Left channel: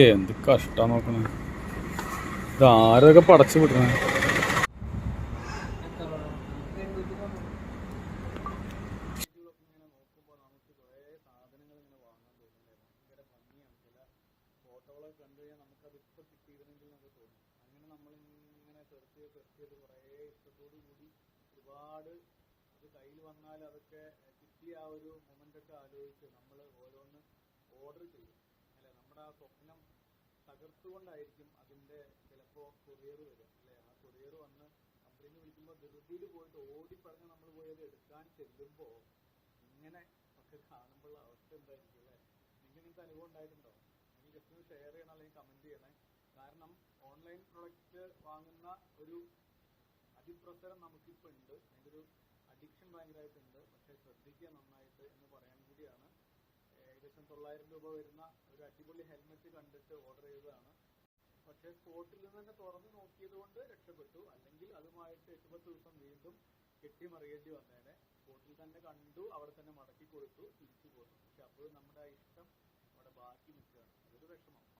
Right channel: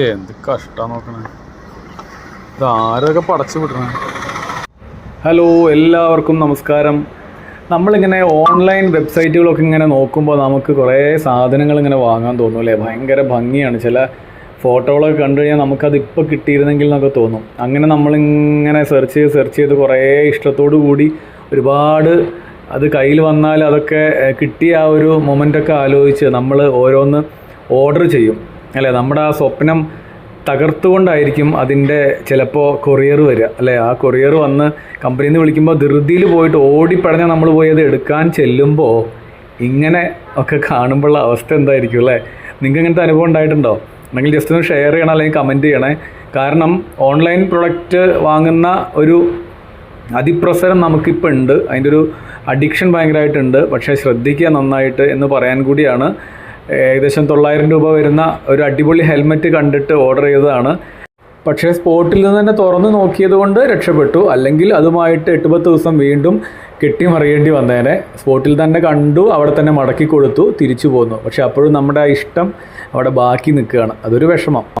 എന്ത് കഷ്ടം നോക്കണേ, ഇത് ആരൊക്കെ പടച്ചു വിടണേ. ഹലോ, എല്ലാവർക്കും നമസ്കാരം. നമ്മളിങ്ങനെ ഓൺലൈൻ വെബ്സൈറ്റുകളൊക്കെ ഇങ്ങനെ നോക്കുമ്പോൾ നമുക്ക് കുറേ സാധനങ്ങൾ ഇങ്ങനെ വാങ്ങാൻ തോന്നും അല്ലേ. ഭയങ്കര ഭംഗിയാണ്. ചില ഫോട്ടോകളൊക്കെ കണ്ടു കഴിഞ്ഞാൽ നമുക്കത് ഇപ്പോൾ കിട്ടിയിരുന്നെങ്കിൽ എന്നൊക്കെ തോന്നും. അങ്ങനെ നമ്മളിങ്ങനെ സെർച്ച് ചെയ്ത് കുറേ ഇഷ്ടത്തോടു കൂടി ഒരുപാട് അത് കയ്യിൽ വന്നാൽ അതൊക്കെ കിട്ടിയ ആ ഒരു മൊമെൻ്റൊക്കെ ആലോചിച്ച് നമ്മൾ ഓരോന്ന് ഓർഡർ ചെയ്യും അല്ലേ. നമ്മുടെ ആ സ്വപ്നം തകർത്തുകൊണ്ടായിരിക്കും അതിൻ്റെ ചിലപ്പോൾ കൊറിയർ വരിക അല്ലേ. ആ കൊറിയർ വന്ന് കമ്പനിയിൽ നിന്ന് വിളിക്കുമ്പോൾ ധൃതിയിൽ പോയിട്ട് ഓടിപ്പടഞ്ഞാൽ നമ്മൾ പോയി അത് എടുക്കാൻ ചെല്ലുമ്പോൾ ഇങ്ങനെ ഒക്കെ കാണുമ്പോഴുള്ള അവസ്ഥ എന്തായിരിക്കും അല്ലേ. നിങ്ങൾക്ക് ഇങ്ങനത്തെ അനുഭവം ഉണ്ടായിട്ടുണ്ടോ? അല്ലെങ്കിൽ ജസ്റ്റ് ഒന്ന് ഷെയർ ചെയ്യണം, അല്ലെങ്കിൽ കമൻറ്റ് ചെയ്യണേ. കാരണം ഓൺലൈൻ പ്രൊഡക്റ്റ് വാങ്ങുന്ന ഒരു അതിപ്രസരം നമുക്കിപ്പോൾ ഉണ്ട്, അതിൻ്റെ ഒരു അഡിക്ഷൻ ഭയങ്കരമായിട്ടുണ്ട്. പക്ഷേ ശ്രദ്ധിക്കുക നന്നായിട്ട് എന്ന് പറയാൻ കൂടിയാണ്. ഏകദേശം 900 രൂപ വരുന്ന ഒരു അടിപൊളി ഹെൽമെറ്റ് കണ്ടിട്ട് ഓർഡർ ചെയ്തതാണ്. പക്ഷേ സ്പോട്ടിൽ നിന്ന് തന്നെ തുറന്ന് നോക്കിയത് കൊണ്ട് രക്ഷപ്പെട്ടു. അല്ലെങ്കിൽ അതുമായിട്ട് 8-10 ദിവസം വീണ്ടും കെട്ടിമറിയേണ്ടി വന്നേനെ. സ്പോട്ടിൽ തന്നെ കണ്ടു, അവിടെ തന്നെ മടക്കി കൊടുത്തു, തിരിച്ചു പോന്നു. പക്ഷേ അപ്പോഴും നമ്മുടെ ആ ഇഷ്ടം അവിടെ ബാക്കി നിൽക്കുകയാണ്. അതൊരു വിഷമം.